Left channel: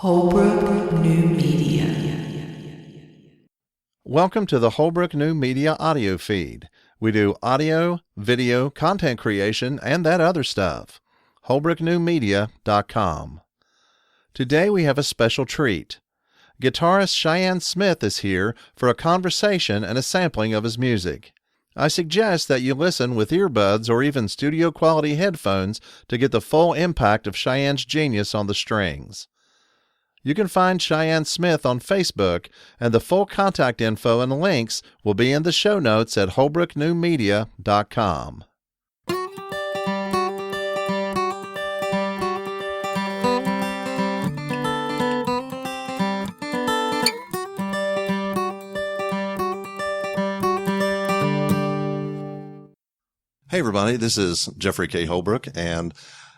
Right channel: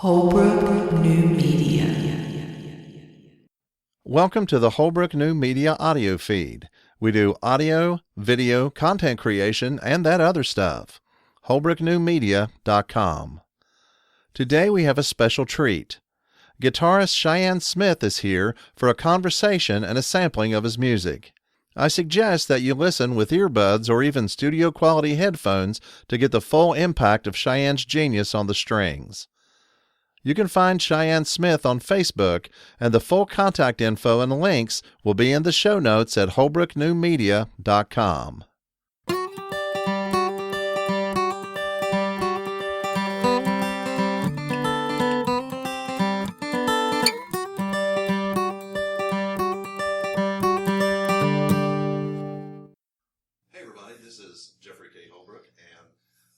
Holbrook New Media. Welcome to the Holbrook New Media audio feed. We do audio, video, content creation, and that other stuff. HolbrookNewMedia.com. Today we have a special treat. Guitarist Cheyenne Smith is here for a conversation and a sampling of his music. I suggest that you listen with earbuds or even studio-quality headphones to get the full impact of Cheyenne's genius on the strings. You can find Cheyenne Smith on Facebook, and the full contact info and links will be in the show notes at HolbrookNewMedia.com. Hey everybody, this is Jeffrey K. Holbrook, and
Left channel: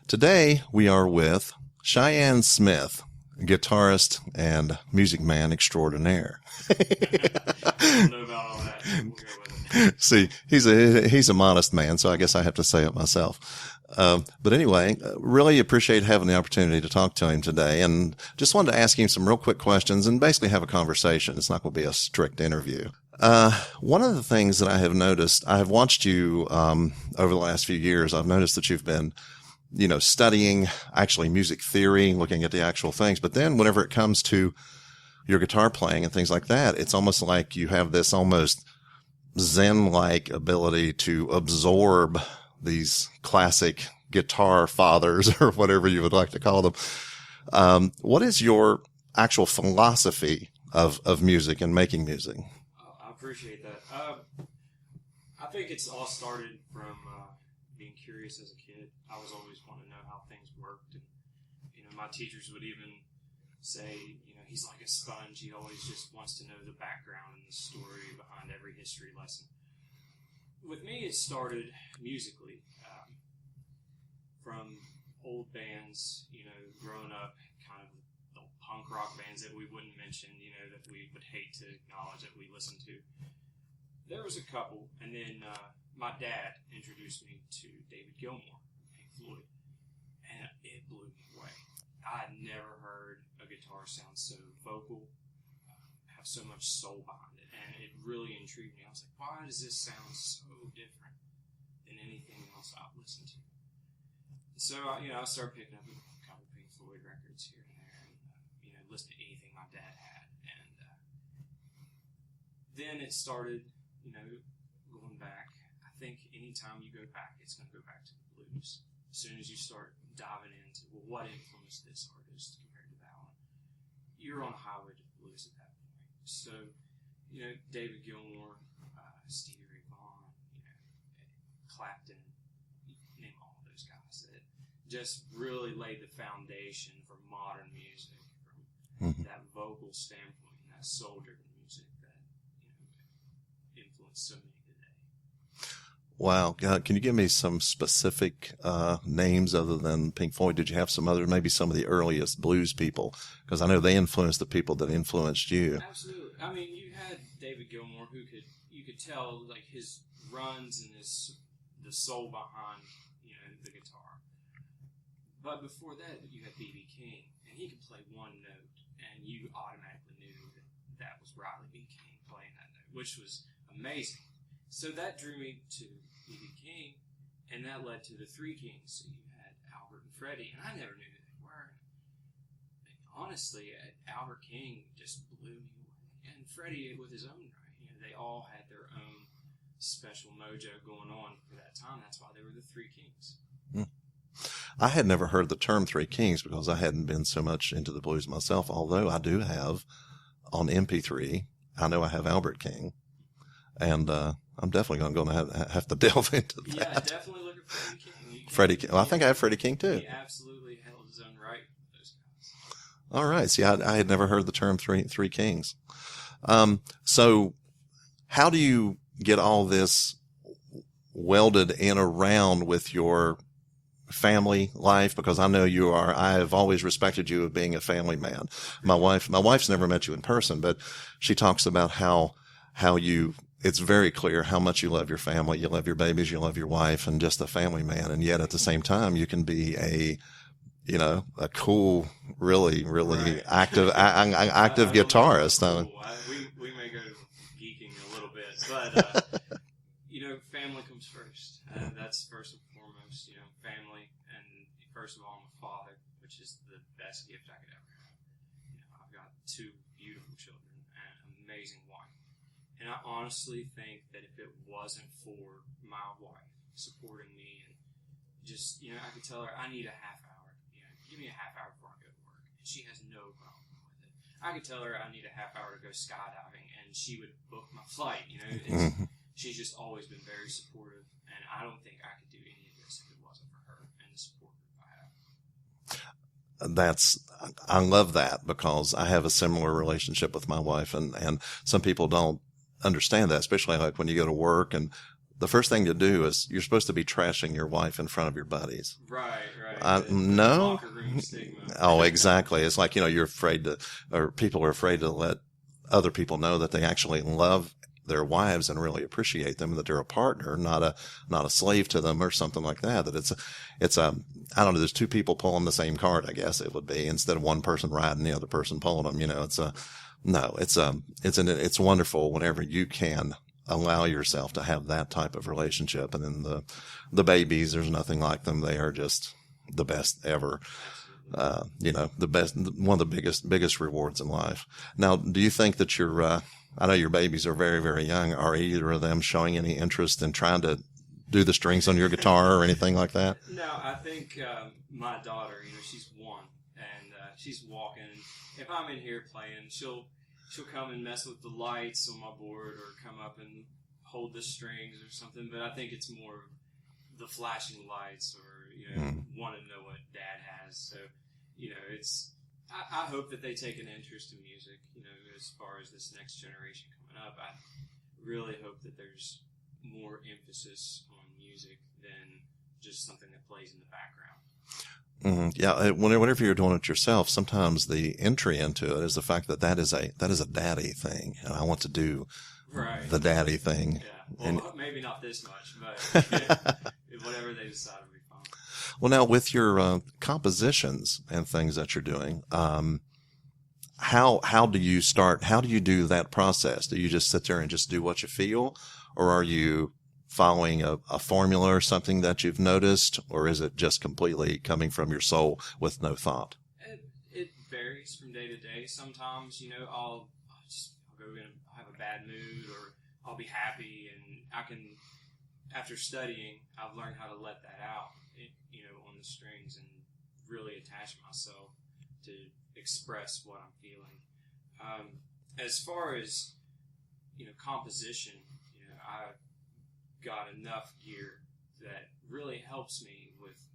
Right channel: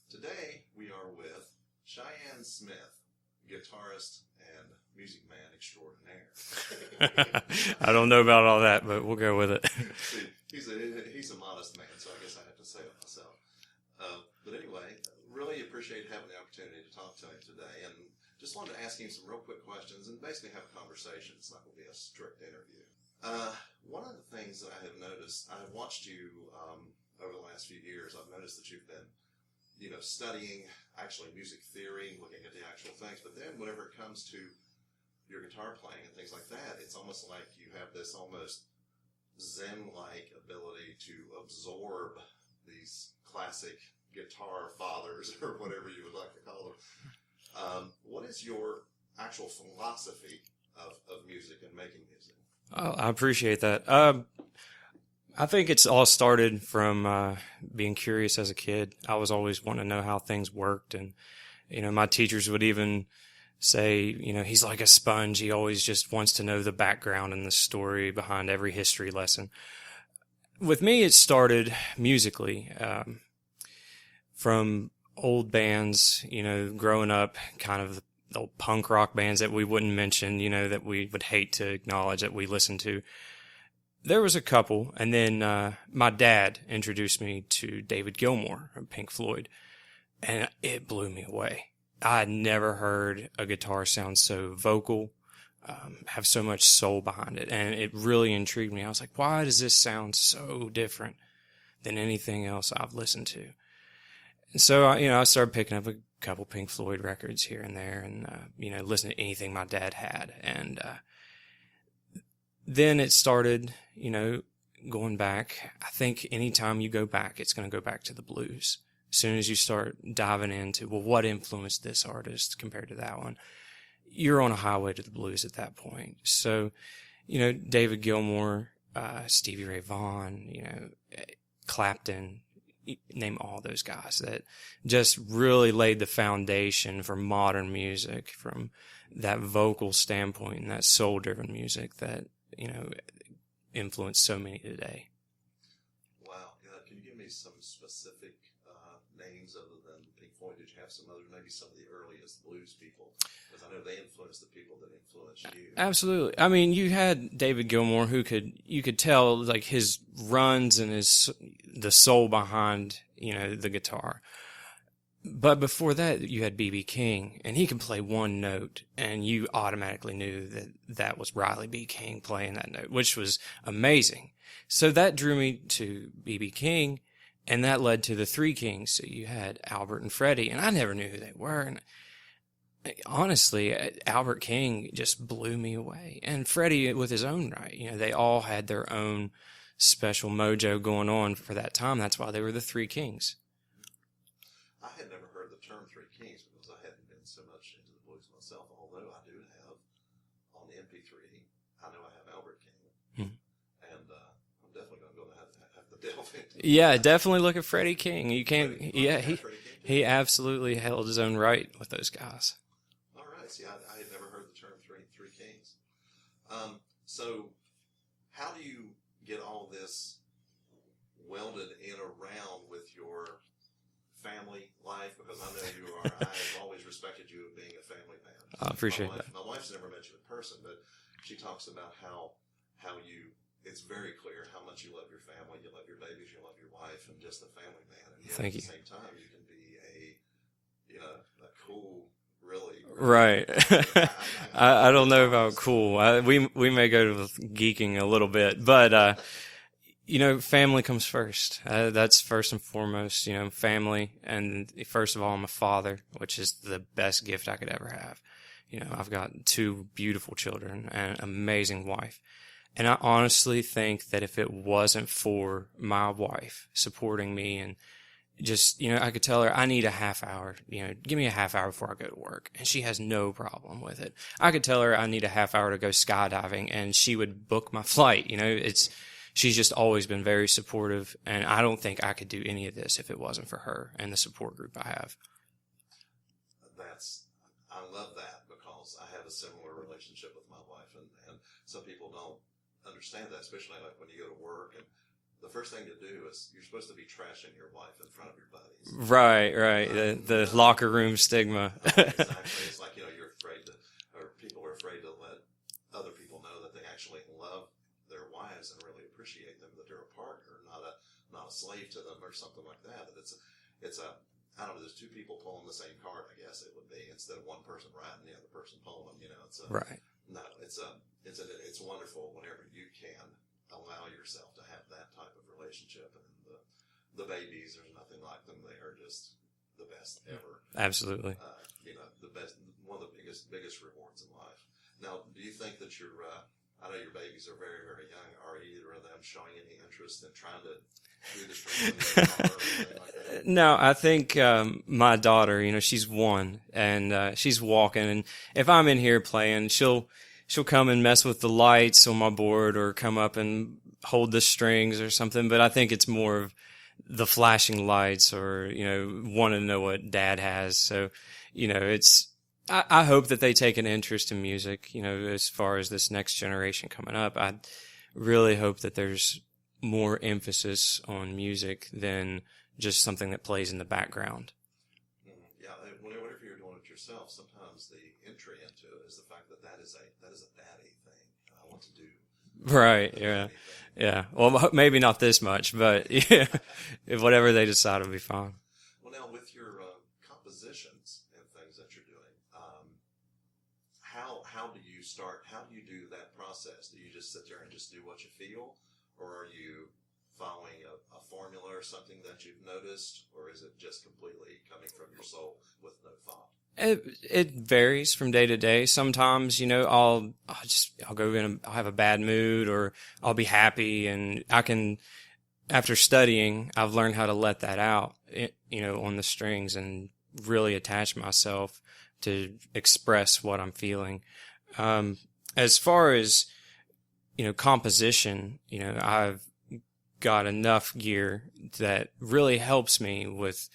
today we are with Cheyenne Smith, guitarist and music man extraordinaire. I don't know about all that, but we'll go with it. See, he's a modest man, so I guess I have to say it myself. But anyway, really appreciate having the opportunity to talk to him today, and just wanted to ask him some real quick questions and basically have a conversation. It's not going to be a strict interview. One of the things that I have noticed, I have watched you over the last few years. I've noticed that you've been, studying actually music theory, looking at the actual things. But then whenever it comes to your guitar playing and things like that, it's almost like you have this almost Zen-like ability to absorb these classic guitar fathers or whatever you would like to call them. What is your actual philosophy of music and making music? Oh, I appreciate that. I think it's all started from being curious as a kid. I was always wanting to know how things worked. And, my teachers would even say, he's like a sponge. He always just wants to know the background and the story behind every history lesson. With me, it started musically from old bands, growing up, kind of the old punk rock bands that we wouldn't mention, that we would hate to acknowledge that we listened to. There was a couple, and then my dad introduced me to David Gilmour of Pink Floyd, and it blew me away. I had never heard a guitar sound so vocal, have so much soul behind it, and it really intrigued me. I was like, why does this sound so different than anything else I've listened to? And so, I started picking up a couple Pink Floyd records here and there, and listening to anything my dad had, and then it started, going back. I think anytime you go back, it's going to go back to the blues. As soon as you start diving into, well, what influenced this artist compared to that one, you're on a highway to the blues at that point. So, David Gilmour, Stevie Ray Vaughan, Clapton, name all those guys that just really laid the foundation for modern music from that vocal standpoint and that soul-driven music that, influenced so many today. Wow. Can you give me some specific names other than Pink Floyd? Did you have some other, maybe some of the earliest blues people? Because I know they influenced the people that influenced you. Absolutely. I mean, you had David Gilmour you could tell like his runs and the soul behind, the guitar. But before that, you had B.B. King, and he could play one note, and you automatically knew that was Riley B. King playing that note, which was amazing. So that drew me to B.B. King, and that led to the Three Kings. So you had Albert and Freddie, and I never knew who they were. And honestly, Albert King just blew me away. And Freddie with his own right. They all had their own special mojo going on for that time. That's why they were the Three Kings. I had never heard the term Three Kings because I hadn't been so much into the blues myself, although I do have on MP3, I know I have Albert King, and I'm definitely going to have to delve into that. Yeah, definitely look at Freddie King. You can't. Freddie King. Well, I think I have Freddie King too. He absolutely held his own right with those guys. All right. See, I had never heard the term Three Kings. So how do you get all this welded in around with your family life? Because I know you are. I have always respected you of being a family man. My wife's never met you in person, but she talks about how you. It's very clear how much you love your family, you love your babies, you love your wife, and just a family man. And yet at the same time, you can be a a cool, really, really Right. active I don't know about guitarist. cool. We may go to geeking a little bit, but family comes first. That's first and foremost. Family, and first of all, I'm a father, which is the best gift I could ever have. I've got 2 beautiful children and an amazing wife. And I honestly think that if it wasn't for my wife supporting me and just, I could tell her I need a half hour, give me a half hour before I go to work. And she has no problem with it. I could tell her I need a half hour to go skydiving and she would book my flight. She's just always been very supportive. And I don't think I could do any of this if it wasn't for her and the support group I have. I love that because I have a similar relationship with my wife, and some people don't understand that, especially like when you go to work and the first thing to do is you're supposed to be trashing your wife in front of your buddies. Right. The no. locker room stigma. Oh, exactly. It's like, you're afraid or people are afraid to let other people know that they actually love their wives and really appreciate them, that they're a partner, not a slave to them or something like that. That it's I don't know, there's 2 people pulling the same cart, I guess it would be, instead of one person riding, the other person pulling them. Right. No, it's wonderful whenever you can allow yourself to have that type of relationship. And then the babies, there's nothing like them. They are just the best ever. Absolutely. The best, one of the biggest rewards in life. Now, do you think that I know your babies are very, very young. Are either of them showing any interest in trying to do the strings on your guitar or anything like that? No, I think my daughter, she's 1 and she's walking, and if I'm in here playing, she'll come and mess with the lights on my board or come up and hold the strings or something. But I think it's more of the flashing lights or wanting to know what Dad has. So I hope that they take an interest in music. As far as this next generation coming up, I really hope that there's more emphasis on music than just something that plays in the background. Mm-hmm. Yeah, whenever you're doing it yourself, sometimes the entry into it is the fact that is a daddy thing, and I want to do the daddy thing. Yeah, well, maybe not this much, but if whatever they decide will be fine. Well, now with your compositions and things that you're doing, how do you start? How do you do that process? Do you just sit there and just do what you feel, or are you following a formula or something that you've noticed, or is it just completely coming from your soul with no thought? It varies from day to day. Sometimes, I'll go in, I'll have a bad mood, or I'll be happy, and I can, after studying, I've learned how to let that out, on the strings and really attach myself to express what I'm feeling. As far as, composition, I've got enough gear that really helps me with,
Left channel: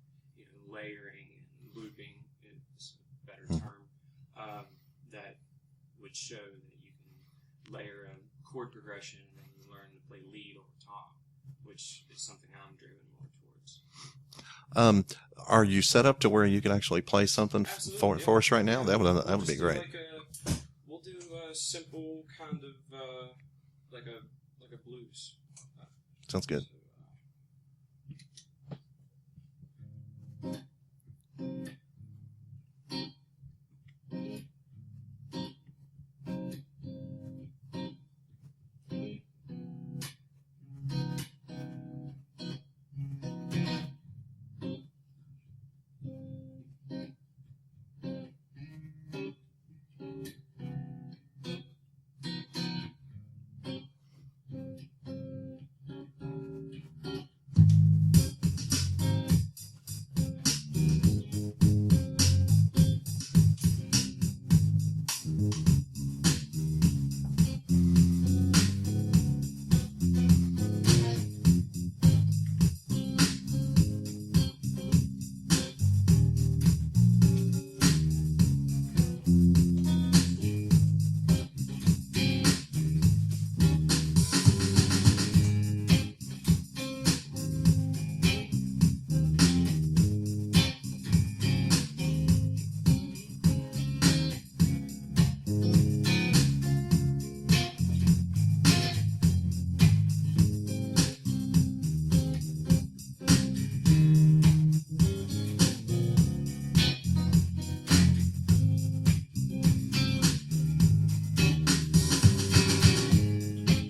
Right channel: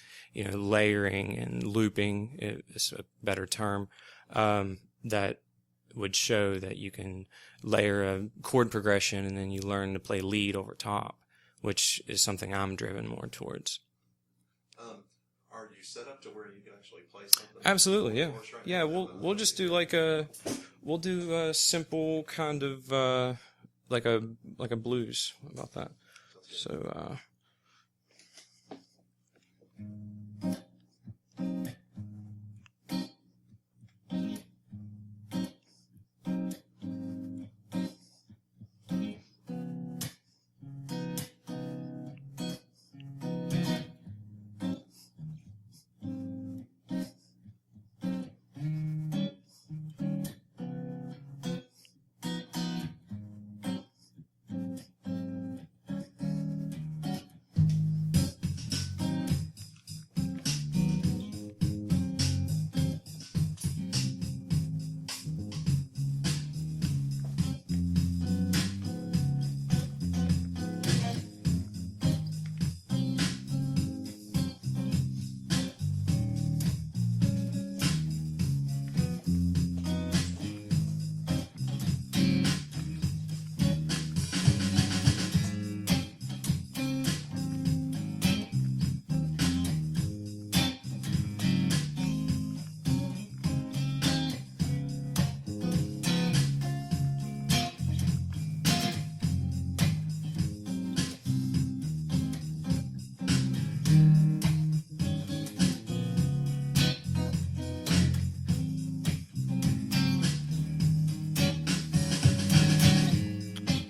layering and looping is a better term, that would show that you can layer a chord progression and then you learn to play lead over top, which is something I'm driven more towards. Are you set up to where you can actually play something Absolutely, for us right now? Yeah, that we'll would just be great. We'll do a simple kind of like a blues. How about that? Sounds good. So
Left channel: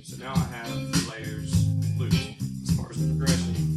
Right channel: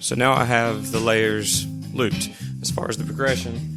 So now I have the layers looped. As far as the progression,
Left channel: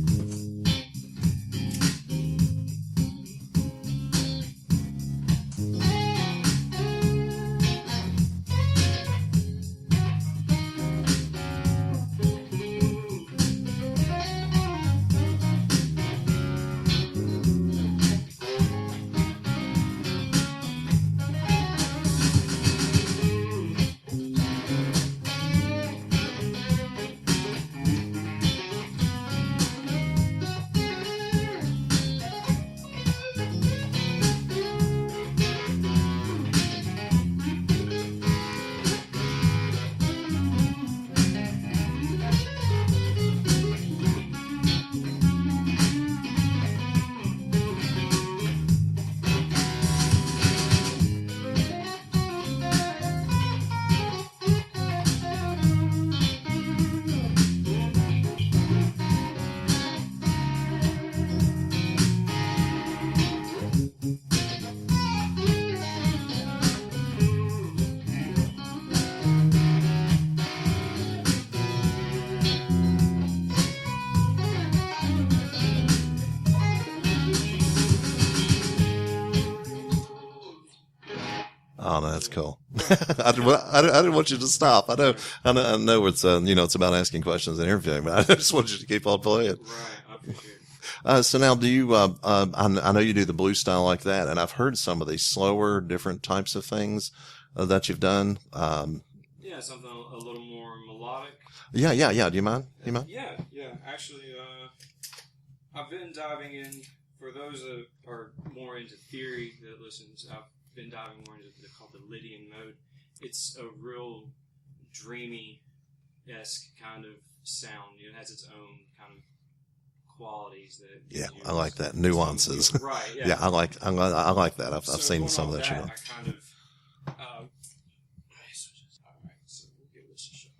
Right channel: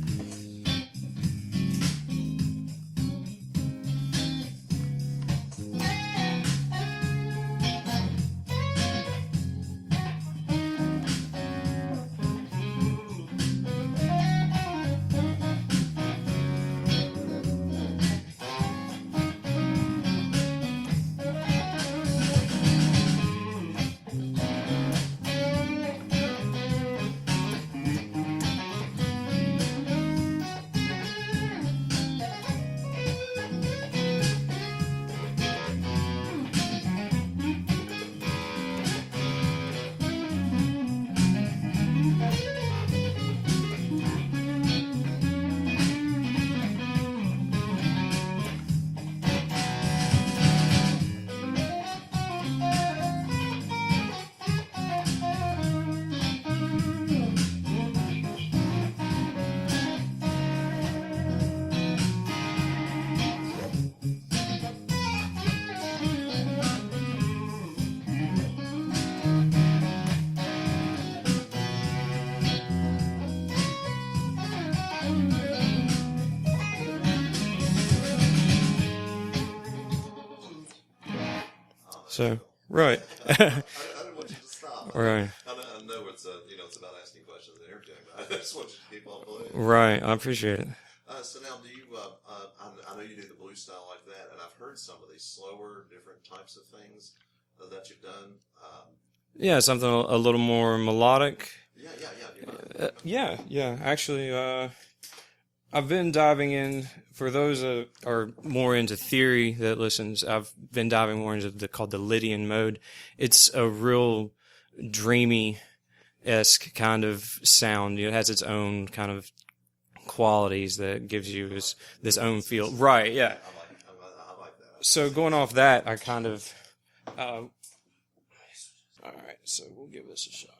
Oh, no, that's cool. Right. I didn't want you to stop. Right. I know it's it's about asking questions and interviewing, but I just want you to keep on playing. Right. I appreciate it. So now, do you? I know you do the blues style like that, and I've heard some of these slower, different types of things that you've done. Yeah, something a little more melodic. Yeah. Do you mind? Yeah. Actually, I've been diving in. For those that are more into theory that listens, I've been diving more into called the Lydian mode. It's a real dreamy-esque kind of sound. It has its own kind of qualities that gives you. I like that its own nuances. feel. Right? Yeah. Yeah, I like that. I've So seen going some off of that, show. I kind of. All right, so we'll give this a shot.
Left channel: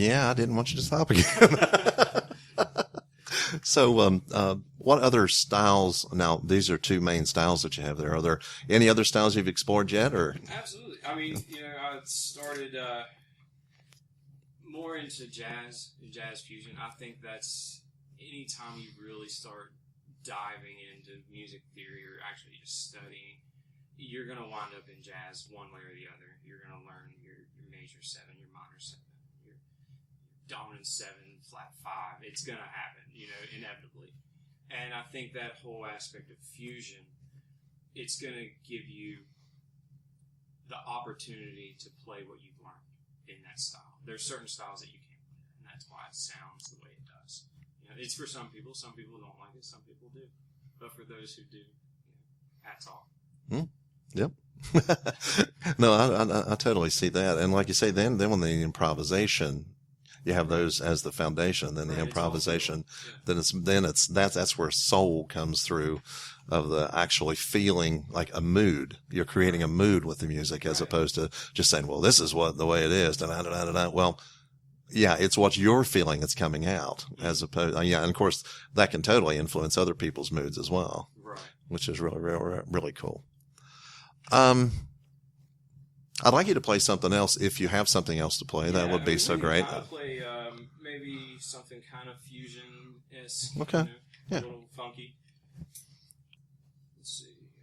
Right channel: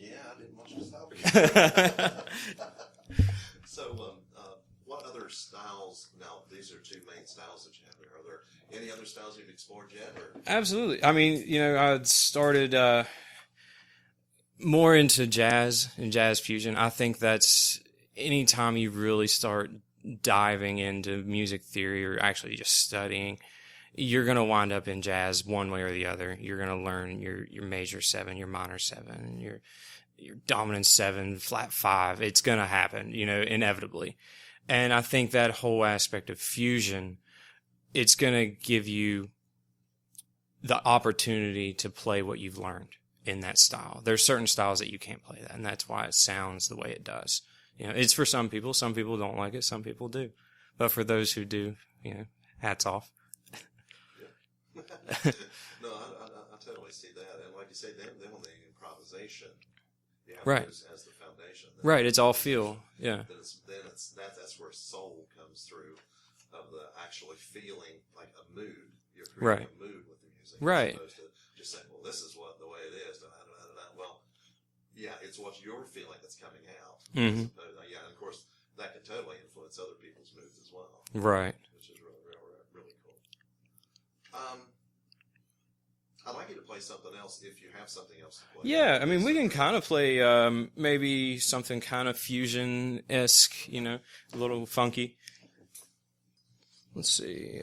Yeah, I didn't want you to stop again. So, what other styles? Now, these are two main styles that you have there. Are there any other styles you've explored yet, or? Absolutely. I mean, I started more into jazz and jazz fusion. I think that's anytime you really start diving into music theory or actually just studying, you're going to wind up in jazz one way or the other. You're going to learn your major 7, your minor 7, your dominant 7, flat 5. It's going to happen, inevitably. And I think that whole aspect of fusion, it's going to give you the opportunity to play what you've learned in that style. There's certain styles that you can't play that, and that's why it sounds the way it does. It's for some people. Some people don't like it. Some people do. But for those who do, hats off. Yep. No, I totally see that. And like you say, then when the improvisation, you have those as the foundation. Then right, the it's all feel. Yeah. Then that's where soul comes through, of the actually feeling like a mood. You're creating a mood with the music as opposed to just saying, well, this is the way it is. Well, yeah, it's what you're feeling that's coming out, as opposed. And of course that can totally influence other people's moods as well. Right. Which is really, really, really cool. I'd like you to play something else if you have something else to play. Yeah, that would be so we can great. kind of play maybe something kind of fusion-esque, a little funky. Let's see.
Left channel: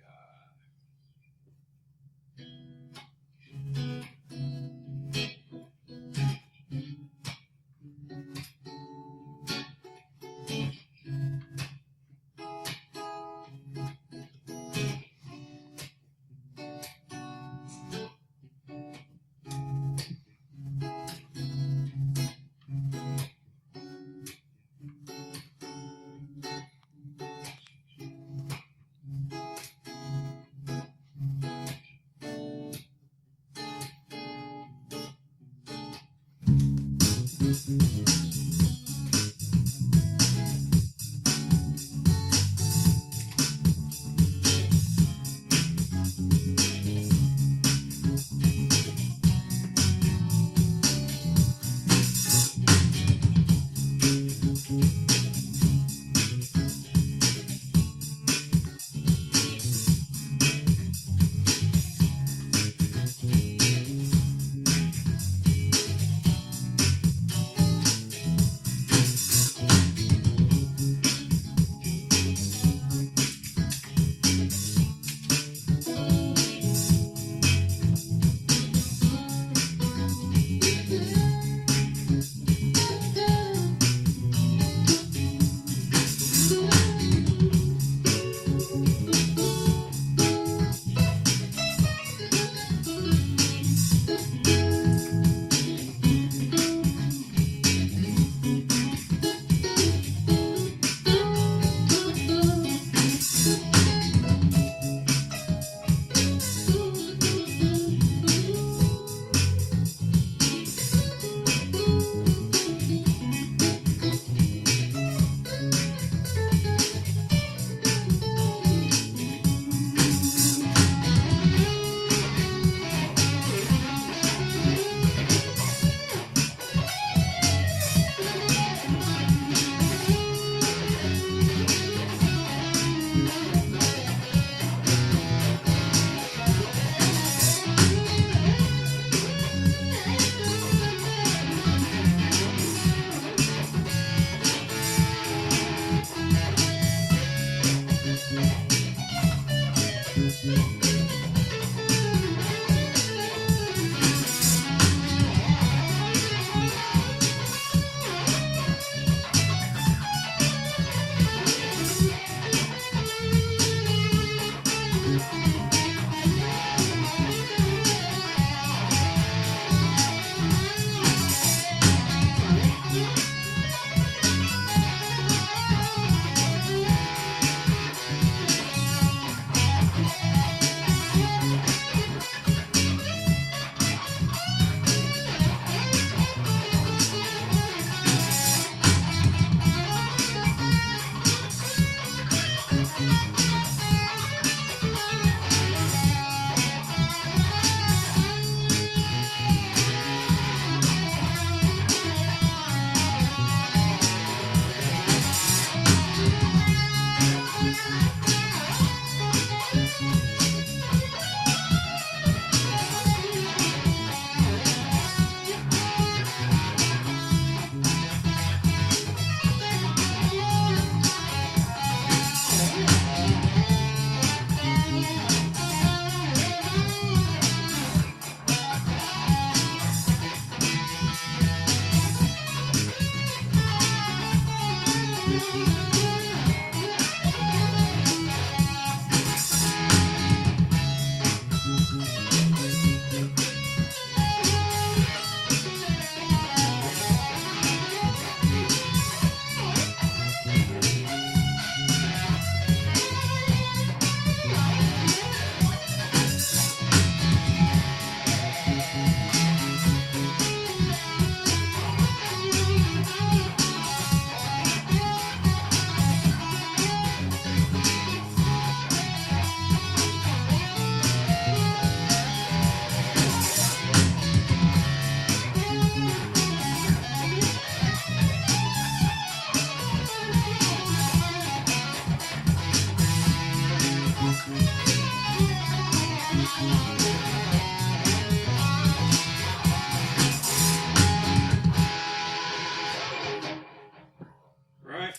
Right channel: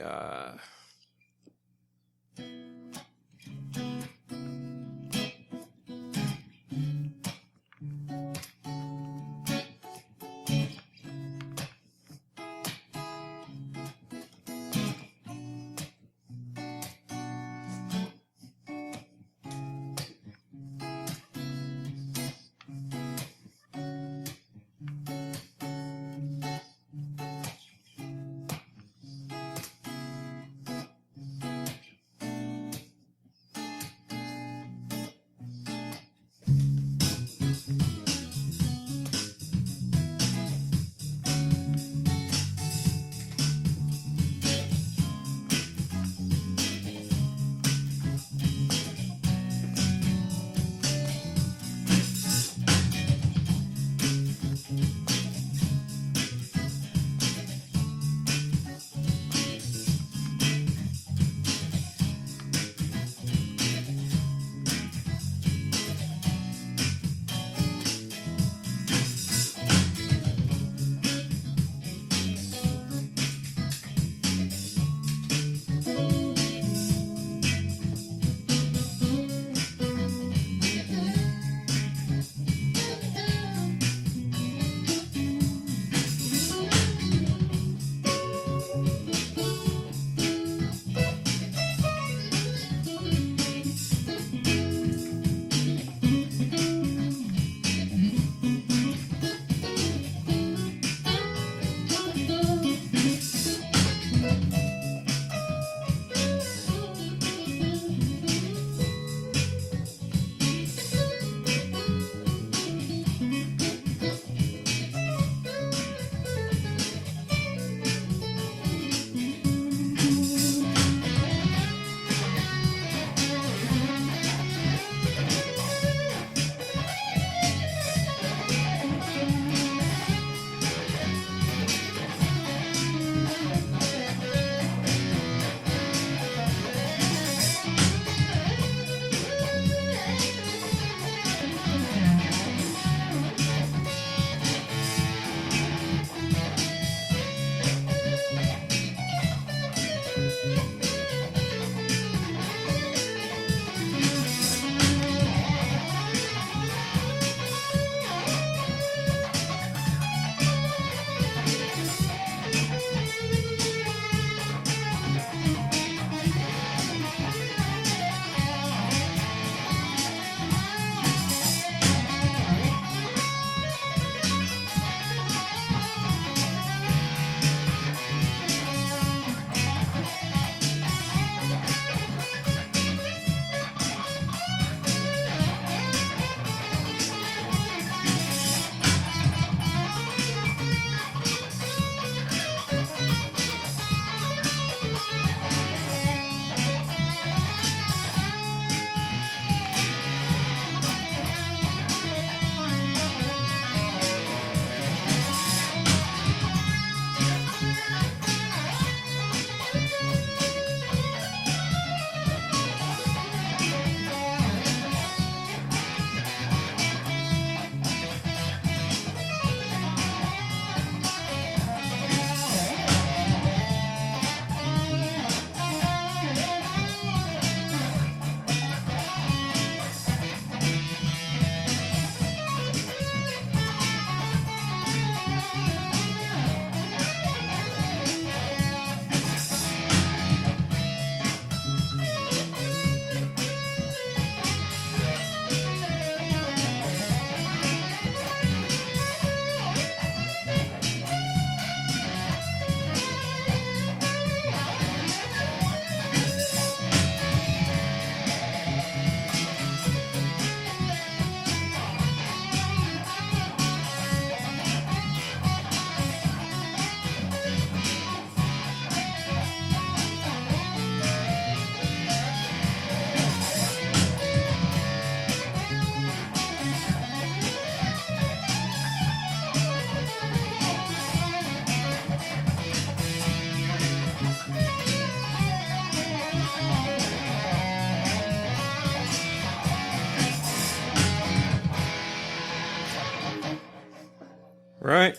Right?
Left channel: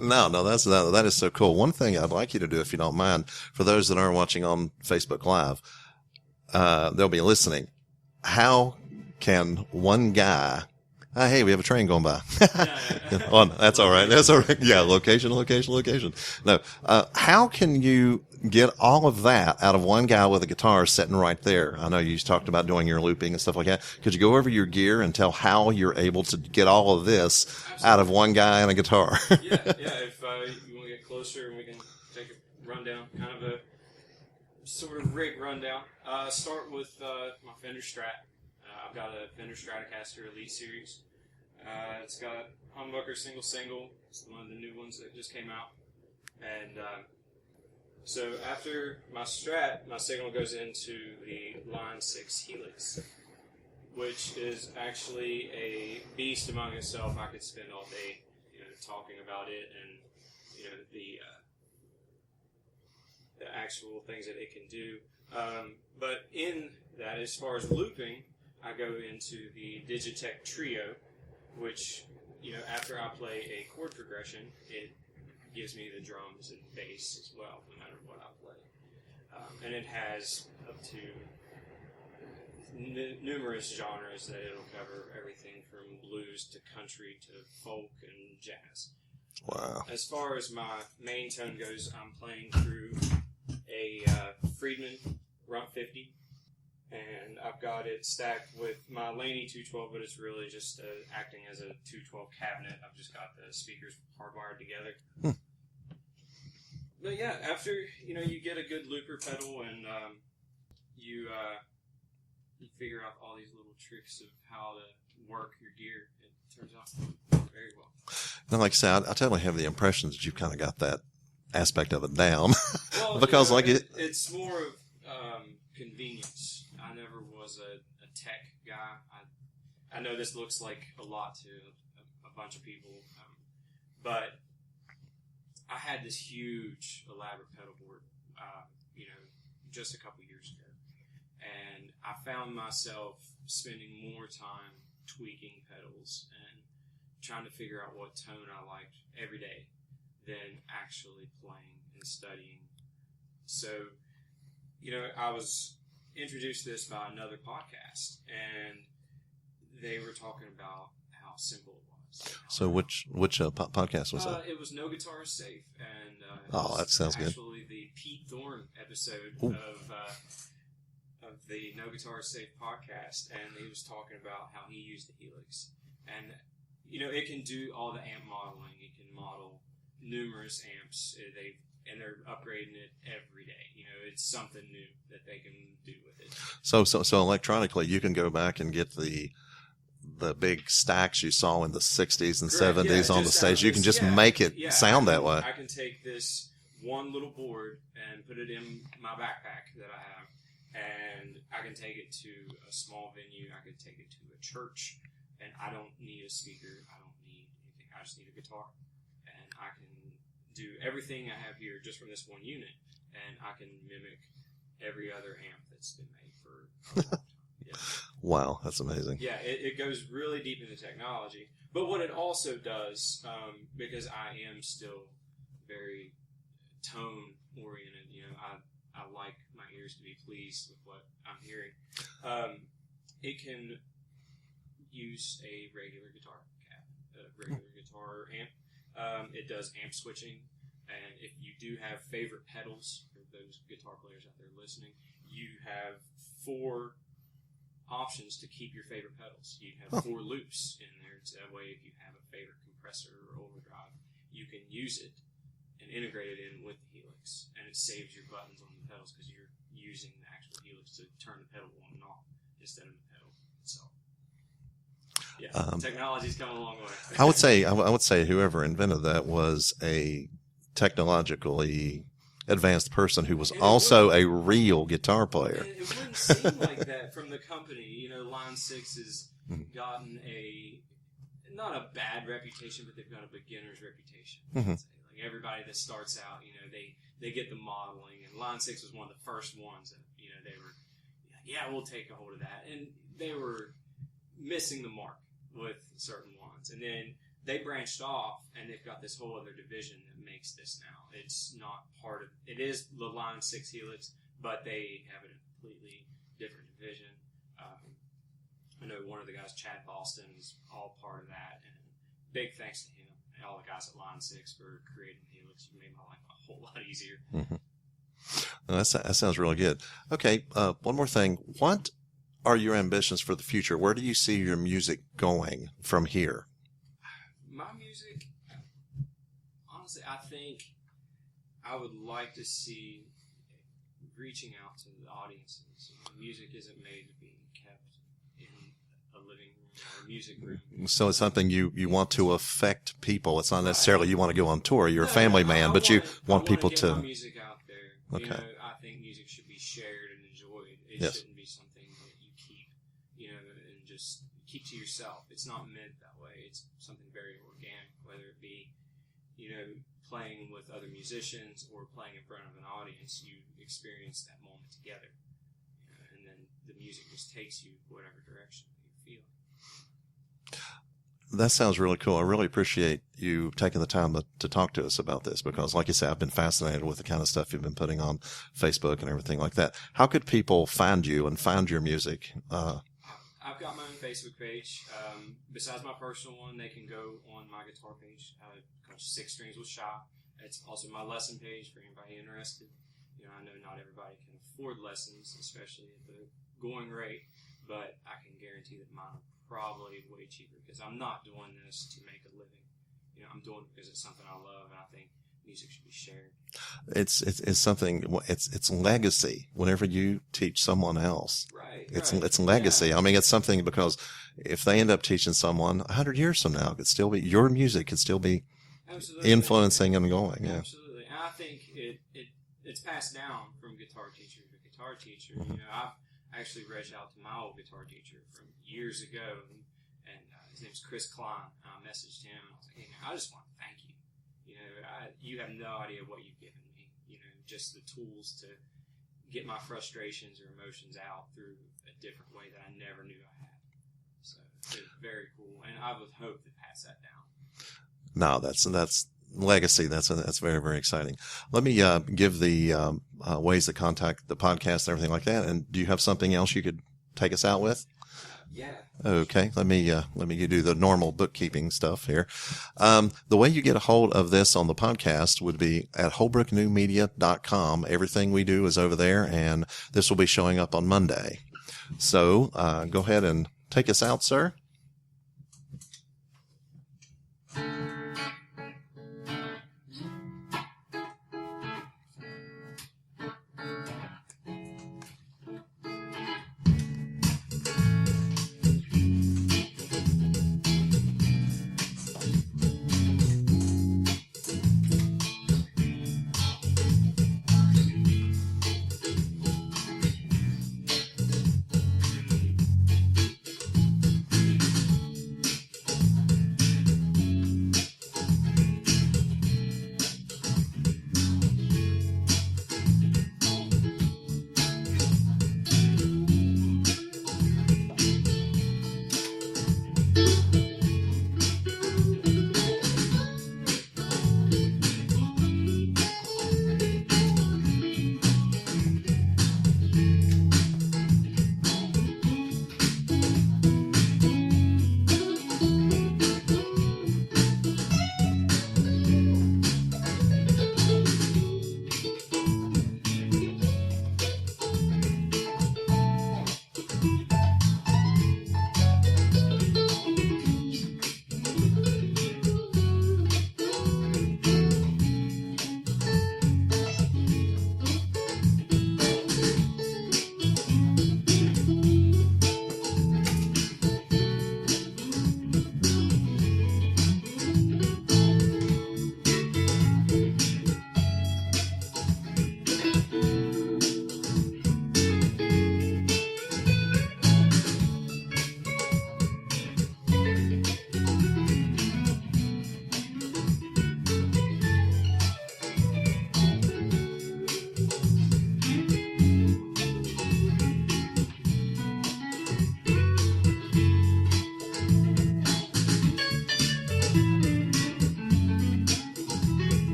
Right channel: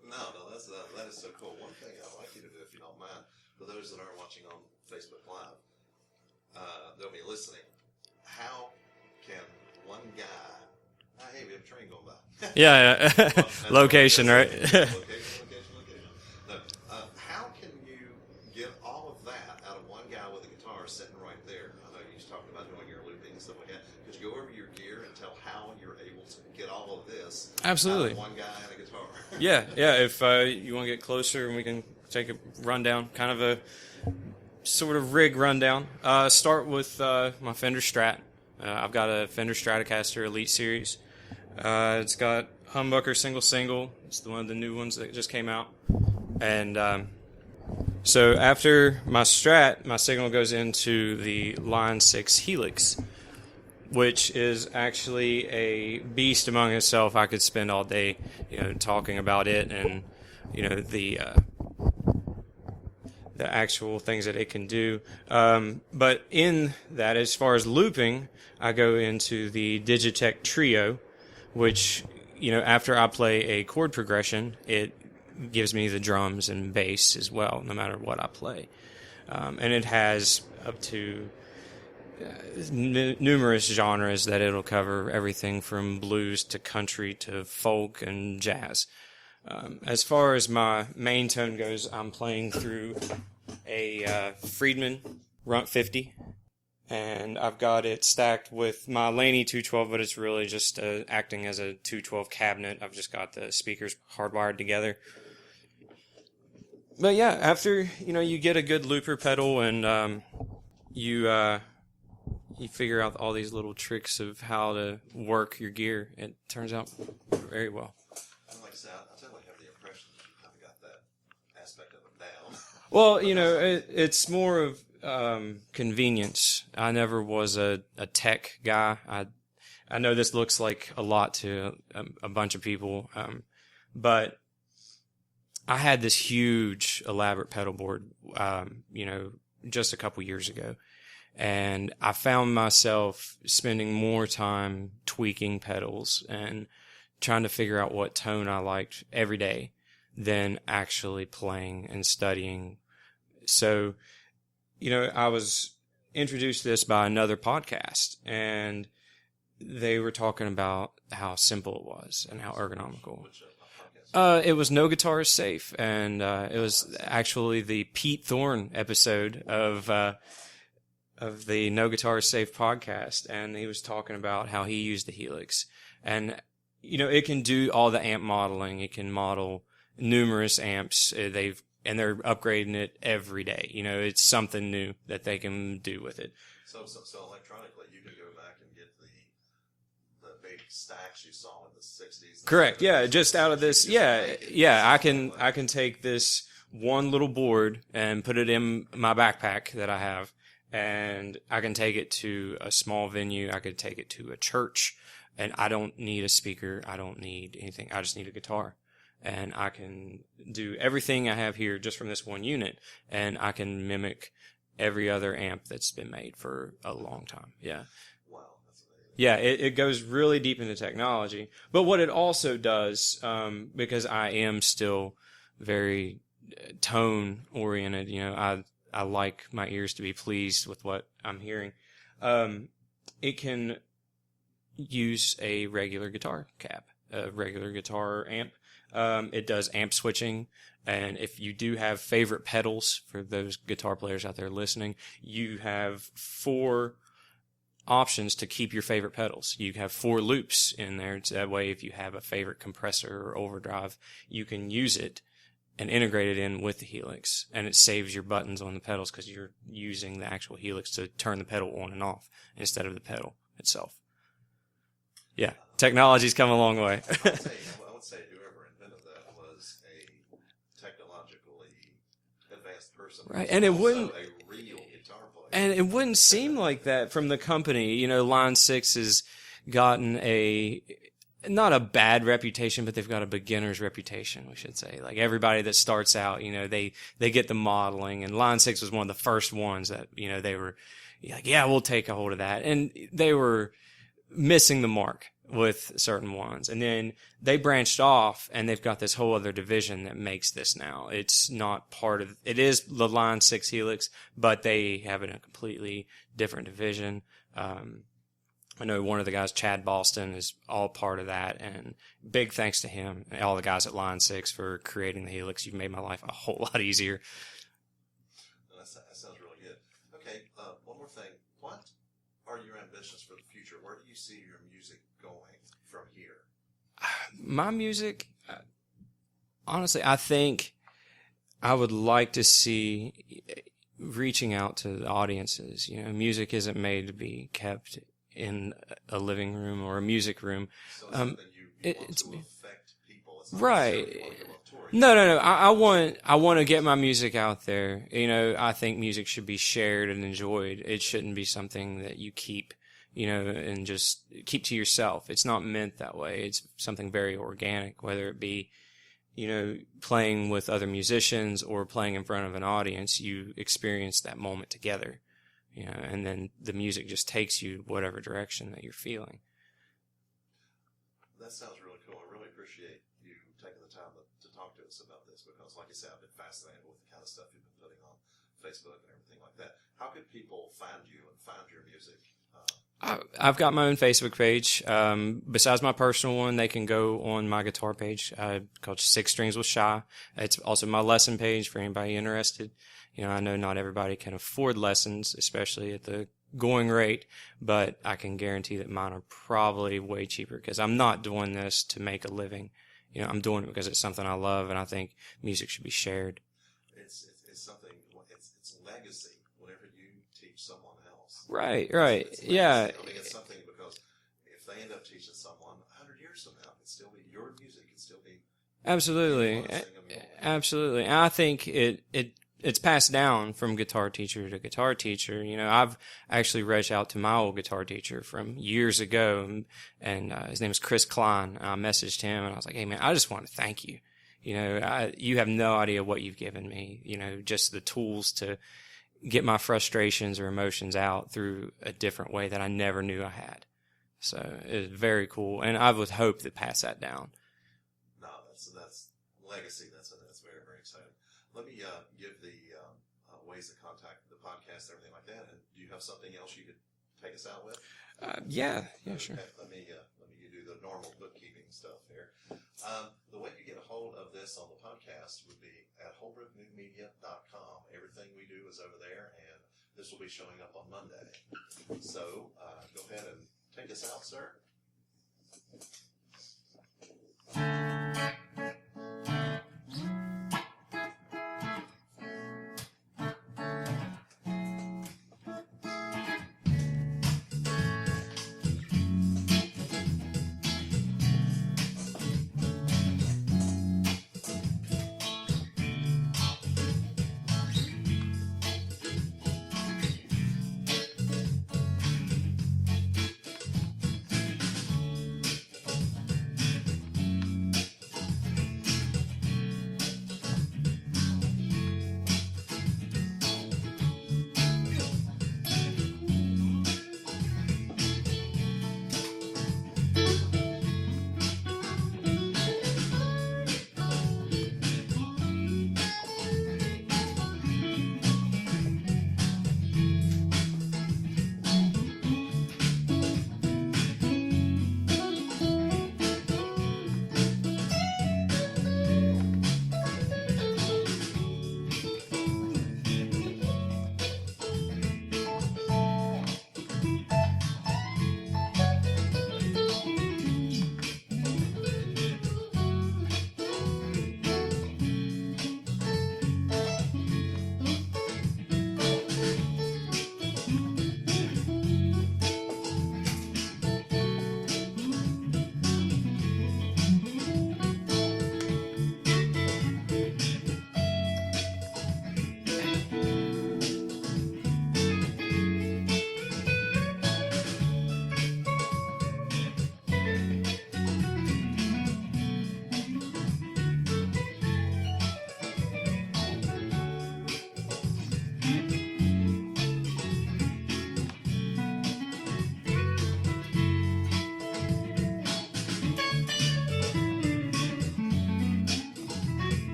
No, that is so cool. One thing I'd like you to do, if you don't mind, for those that aren't watching on Facebook Live, they'll be listening. How can one guy? Hey, we have a train going by. Yeah. Well, that's Location, all right. That's all right? right. Yeah, location. No, how can you get all of that out of one guy with a guitar sitting right there? I know you talked about doing your looping and stuff like that. Could you go over your gear and tell how you're able to get all of this out of one guy and a guitar? Yeah. If you want to get closer, and we can take a rundown, kind of a sort of rig rundown. Start with my Fender Strat. I've got a Fender Stratocaster Elite Series. It's got humbucker single. It's one of the new ones that just came out. And so after my Strat, my signal goes into the Line 6 Helix, which is actually a beast among itself. I could spend all day, talking about it and, the actual things that it can do. But in that, as far as looping, I go into the Digitech Trio, which, after I play a chord progression, it gives me the drums and bass as well, no matter what I play. And it has up to numerous genres that it'll cover, everything from blues to country to folk and jazz. Wow. As far as my main tone goes, I'm playing through a Friedman Runt 50. And I've got it stacked with my Laney 212, but it's really just acting as a 212 cabinet. I've just got the speakers hardwired together. But yeah, after you get a good looper pedal and you figure out all these little tricks of how to work your gear, it turns out very well. And like I said, I totally have the impression that you've kind of got that aspect of it down. Well, because it's more of convenience. I never was a tech guy. I know this looks like a lot to a bunch of people, but I had this huge elaborate pedal board, just a couple years ago, and I found myself spending more time tweaking pedals and trying to figure out what tone I liked every day than actually playing and studying. So I was introduced to this by another podcast, and they were talking about how simple it was and how ergonomical. Which podcast was it? It was No Guitar is Safe, and it was that sounds actually the Pete Thorne episode of the No Guitar is Safe podcast, and he was talking about how he used the Helix, and it can do all the amp modeling. It can model numerous amps. They're upgrading it every day. It's something new that they can do with it. So electronically, you can go back and get the big stacks you saw in the 60s and Correct. 70s Yeah, on the just stage. You can just make it sound that way. I can take this one little board and put it in my backpack that I have, and I can take it to a small venue. I could take it to a church, and I don't need a speaker. I don't need anything. I just need a guitar. and I can do everything I have here just from this one unit, and I can mimic every other amp that's been made for a long time. Yeah. Wow, that's amazing. Yeah, it goes really deep into technology. But what it also does, because I am still very tone oriented, I like my ears to be pleased with what I'm hearing. It can use a regular guitar cab, a regular guitar amp. It does amp switching. And if you do have favorite pedals, for those guitar players out there listening, you have 4 options to keep your favorite pedals. You have 4 loops in there. So that way, if you have a favorite compressor or overdrive, you can use it and integrate it in with the Helix. And it saves your buttons on the pedals because you're using the actual Helix to turn the pedal on and off instead of the pedal itself. Yeah, technology's come a long way. I would say whoever invented that was a technologically advanced person who was also a real guitar player. And it wouldn't seem like that from the company. Line 6 has gotten not a bad reputation, but they've got a beginner's reputation, we should say. Like everybody that starts out, they get the modeling, and Line 6 was one of the first ones that, they were like, yeah, we'll take a hold of that. And they were missing the mark with certain ones. And then they branched off, and they've got this whole other division that makes this now. It's not part of it. Is the Line 6 Helix, but they have it in a completely different division. I know one of the guys, Chad Boston, is all part of that, and big thanks to him and all the guys at Line 6 for creating the Helix. You've made my life a whole lot easier. Well, that sounds really good. Okay, one more thing. What are your ambitions for the future? Where do you see your music going from here? My music, honestly, I think I would like to see reaching out to the audiences. Music isn't made to be kept in a living room or a music room. So it's something you want to affect people. It's not right. necessarily you want to go on tour. You're a family man, I want to get my music out there. Okay. I think music should be shared and enjoyed. It shouldn't be something that you keep, and just keep to yourself. It's not meant that way. It's something very organic, whether it be, playing with other musicians or playing in front of an audience. You experience that moment together. And then the music just takes you whatever direction that you're feeling. That sounds really cool. I really appreciate you taking the time to talk to us about this because, like you said, I've been fascinated with the kind of stuff you've been putting on Facebook and everything like that. How could people find you and find your music? I've got my own Facebook page. Besides my personal one, they can go on my guitar page called 6 Strings with Shy. It's also my lesson page for anybody interested. I know not everybody can afford lessons, especially at the going rate, but I can guarantee that mine are probably way cheaper because I'm not doing this to make a living. I'm doing it because it's something I love, and I think music should be shared. It's something. It's legacy. Whenever you teach someone else, right. It's legacy. Yeah. I mean, it's something because if they end up teaching someone 100 years from now, it could still be your music. Could still be absolutely influencing and going. Absolutely, and I think it's passed down from guitar teacher to guitar teacher. I've actually reached out to my old guitar teacher from years ago, and his name is Chris Klein. I messaged him, and I was like, hey, man, I just want to thank you. You have no idea what you've given me, just the tools to get my frustrations or emotions out through a different way that I never knew I had. So it's very cool, and I would hope to pass that down. No, that's legacy. That's very, very exciting. Let me give the ways to contact the podcast and everything like that. And do you have something else you could take us out with? Yeah. Okay. Let me do the normal bookkeeping stuff here. The way you get a hold of this on the podcast would be at holbrooknewmedia.com. Everything we do is over there, and this will be showing up on Monday. So go ahead and take us out, sir.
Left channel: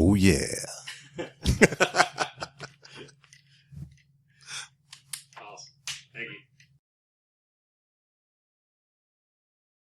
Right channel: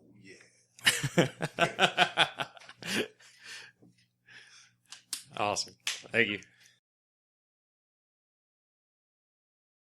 Oh, yeah. Awesome. Thank you.